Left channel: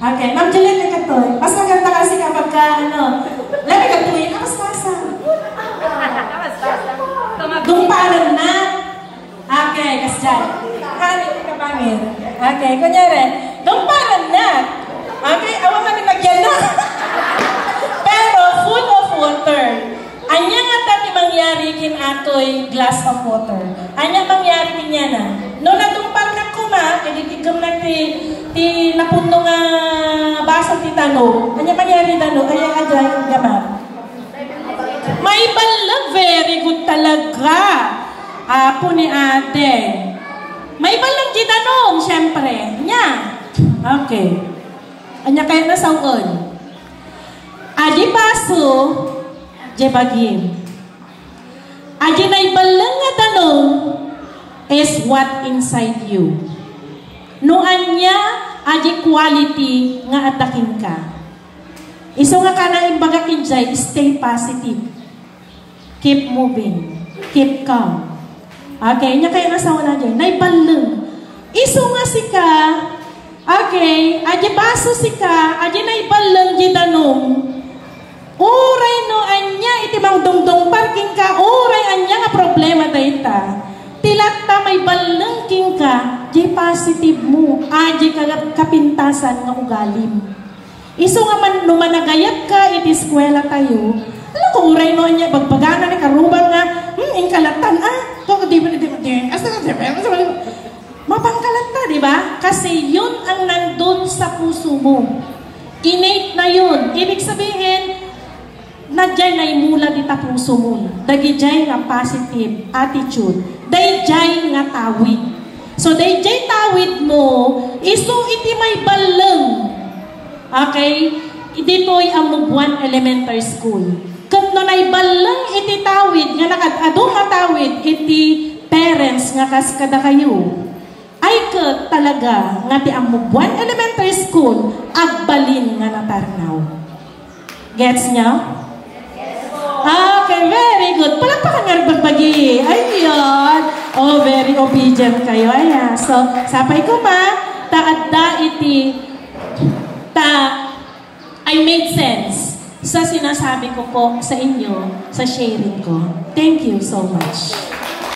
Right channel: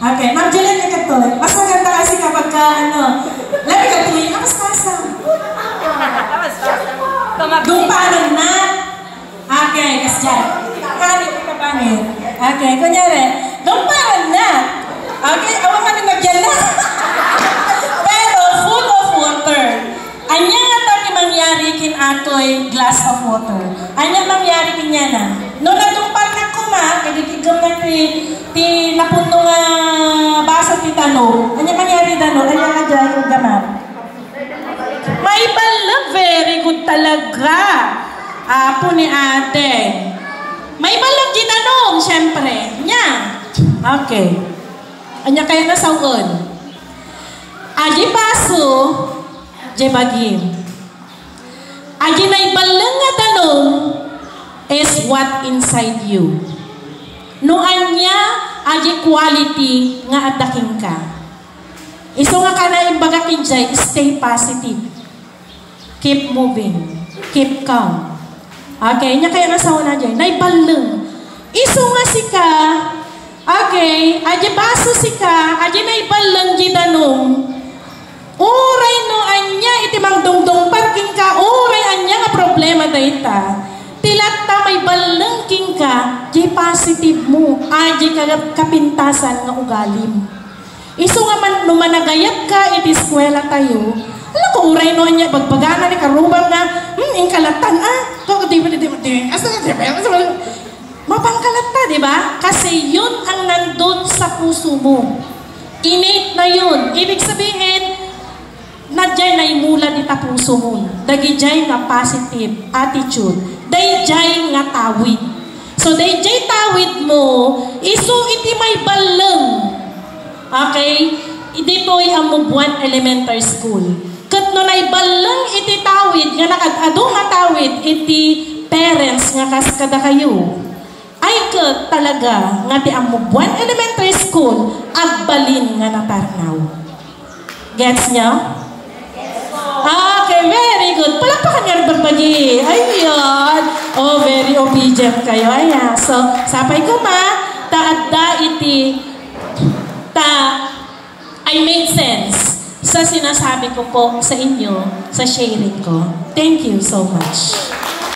Okay, Ma'am Juliet Kagatoy. Mas maganda kasi kapag ka, labi kagatuloy, mas pasa. Dumparan na. Okay, kasi dyan. Hanip ka pangit. Okay, kunyari, dumparan na. Okay, awang kami nagyan na. Pero full of water. Anya nga tati mangyari kin atoy glass of water. Anya mangyari kin niya na. No nadumpar na kuma, kadigigam na ti napuno nga basa ti tano. Anya mangyari tano, anya ka dyan yung gamap. May balag, very good talaga. Apo ni ate. May balag di tanong, syempre. Nya. Okay. Anya kaya na sawon. Agi paso, jebagin. Agi na ibalang nga tanong is what inside you. Noan niya, agi quality nga adaking ka. Iso nga ka na imbaga kinjay, stay positive. Keep moving. Keep calm. Okay, nya kaya nasawa na dyan. Naibalang. Iso nga si ka, okay, agi baso si ka, agi naibalang di tanong. Uray no anya iti mang dongdong parking ka, uray anya nga problema dayta. Tilat ta may balengking ka, di positive mo, agi kapintasan nga ugalim. Iso nga man numanagayat ka iti eskwela tayo. Alam ko uray no anya bagbagangan ni karubang nga, inkalatan to di mapangkalata, di ba? Kasi yun ang nandun sa puso mo. Innate na yun. Ibig sabihin, nadjay na imula di ta puso mo. Dagijay nga positive attitude. Dayjay nga tawid. So, dayjay tawid mo, iso iti may balang. Okay? Dito'y ang Mubuan Elementary School. Kat no naibalang iti tawid, nga nakadado nga tawid, iti parents nga kaskada kayo. Ay kat talaga nga ti ang Mubuan Elementary School, agbalin nga natarnaw. Gets niya? Okay, very good. Palakpakan nga rin bagbagi. Ayun. Oh, very obedient kayo. Ayan. So, sapay ko ma, taadda iti, I made sense sa sinasabi ko po sa inyo, sa sharing ko. Thank you so much.